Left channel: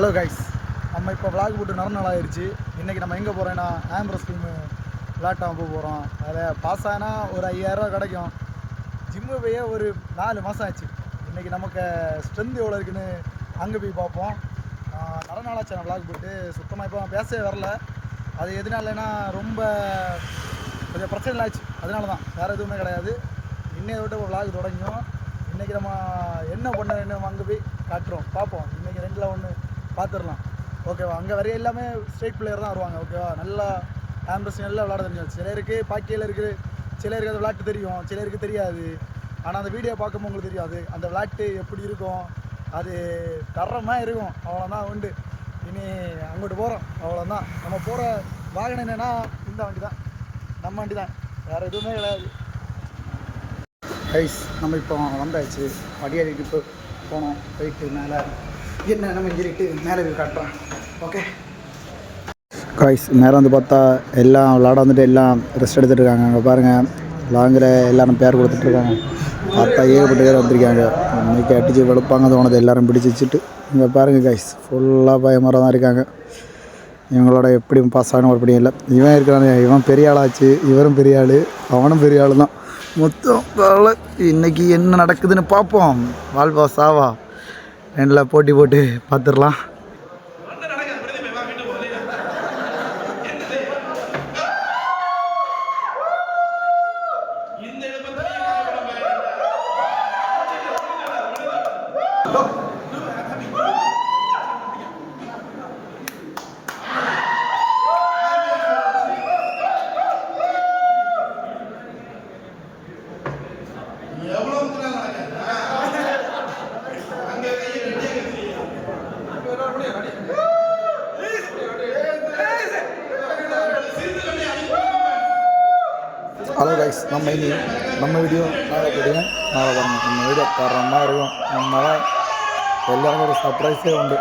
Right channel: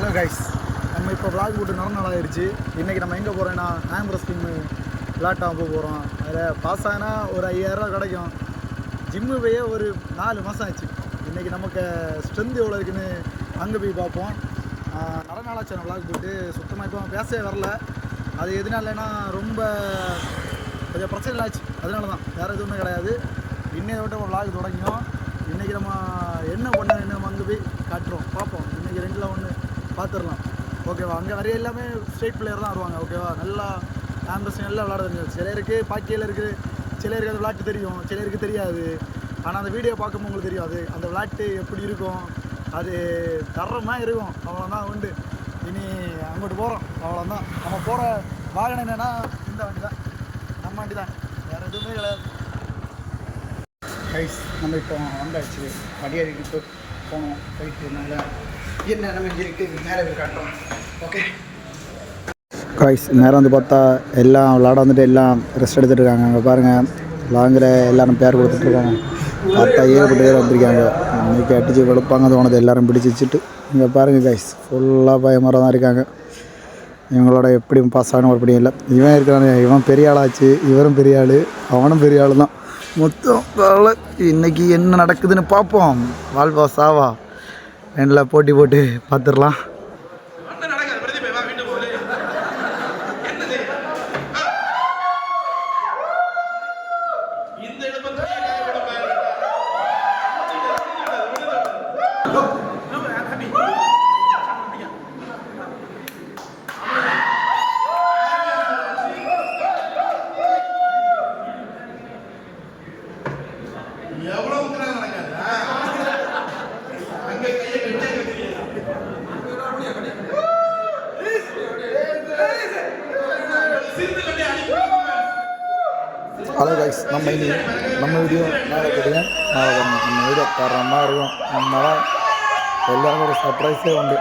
Hello guys, நம்ம இப்போ vlog போட்டு நாள் ஆயிடுச்சு. இன்றைக்கி நம்ம எங்கே போகிறோன்னா ஆம்பரஸ் டீம் விளாட்டாக போகிறோம். அதில் பாஸ் ஆனால் ஒரு 5000 கிடைக்கும். ஜிம்மு போய் ஒரு 4 மாதம் ஆச்சு. இன்றைக்கி நமக்கு ஸ்ட்ரென்த் எவ்வளோ இருக்குன்னு அங்கே போய் பார்ப்போம். நாளாச்சு நான் விளாக் போட்டு சுத்தமாக இப்போ பேசவே வரல. அது எதுனாலனா ரொம்ப கொஞ்சம் பிரச்சனை ஆச்சு, அதனால தான், வேறு எதுவுமே கிடையாது. இன்னையை விட்டு விளாக் தொடங்கியும். இன்றைக்கி நம்ம என்ன பண்ண நம்ம அங்கே போய் காட்டுறோம், பார்ப்போம். இன்றைக்கி 2ல் 1 பார்த்துடலாம், ஓகேவா? அங்கே வரைய எல்லாமே ஸ்ட்ரெயிட் பிளேயர் தான் வருவாங்க, ஓகேவா? நல்லா ஆம்பரஸ் நல்லா விளாட தெரியும். சிலருக்கு பாக்கியில் இருக்குது, சிலருக்கு அது விளாட்டு தெரியும், சிலருக்கு தெரியாது. ஆனால் அந்த வீடியோ பார்க்கும்போது உங்களுக்கு தெரியும் அது அந்த விளாட்டு எப்படி இருக்கும். அது தரமாக இருக்கும், அவ்வளோதான் உண்டு. இனி அங்கிட்டு போகிறோம், அவ்வளோதான். நம்ம போகிற வாகனம் என்னென்னா இந்த வண்டி தான், நம்ம வண்டி தான், வேறு எதுவுமே கிடையாது. கைஸ், நம்ம இப்போ வந்தாச்சு. அடிக்கடிக்கு இப்போ போனோம், போயிட்டு மேலே என்ன நம்ம சொல்லிட்டு மேலே போய் காட்டுறோம், ஓகே கைஸ். நேரம் வந்து பார்த்தா எல்லாம் விளாட வந்துட்டு எல்லாம் ரெஸ்ட் எடுத்துகிட்டு இருக்காங்க. அங்கே பாருங்கள், லாங்கில் எல்லோரும் பேர் கொடுத்துட்ருக்காங்க. பார்த்தா ஏகப்பட்டு பேர் வந்திருக்காங்க. இன்றைக்கி அடித்து வெளுப்பாங்க தோணுது, எல்லோரும் பிடிச்சி வச்சுட்டு. இங்கே பாருங்கள் கைஸ், ஃபுல்லாக பயமரம் தான் இருக்காங்க. இவங்களோட எப்படி பாஸ் ஆகணும் அப்படி இல்லை. இவன் இருக்கிறானே, இவன் பெரிய ஆளாச்சு, இவரும் பெரிய ஆள், அவனும் பெரிய ஆள் தான். மொத்தம் இன்றைக்கி என்ன நடக்குதுன்னு பார்ப்போம். வாழ்வா சாவா 2ல் போட்டி போட்டு பார்த்துடலாம். ஹலோ கைஸ், நம்ம வீடியோ நாளை போடுங்க, நாளை பாருங்கள். நம்ம வீடியோ தரமாக இருக்கும். நம்மளால் எல்லாருக்கும் ஒரு சர்ப்ரைஸே உண்டு.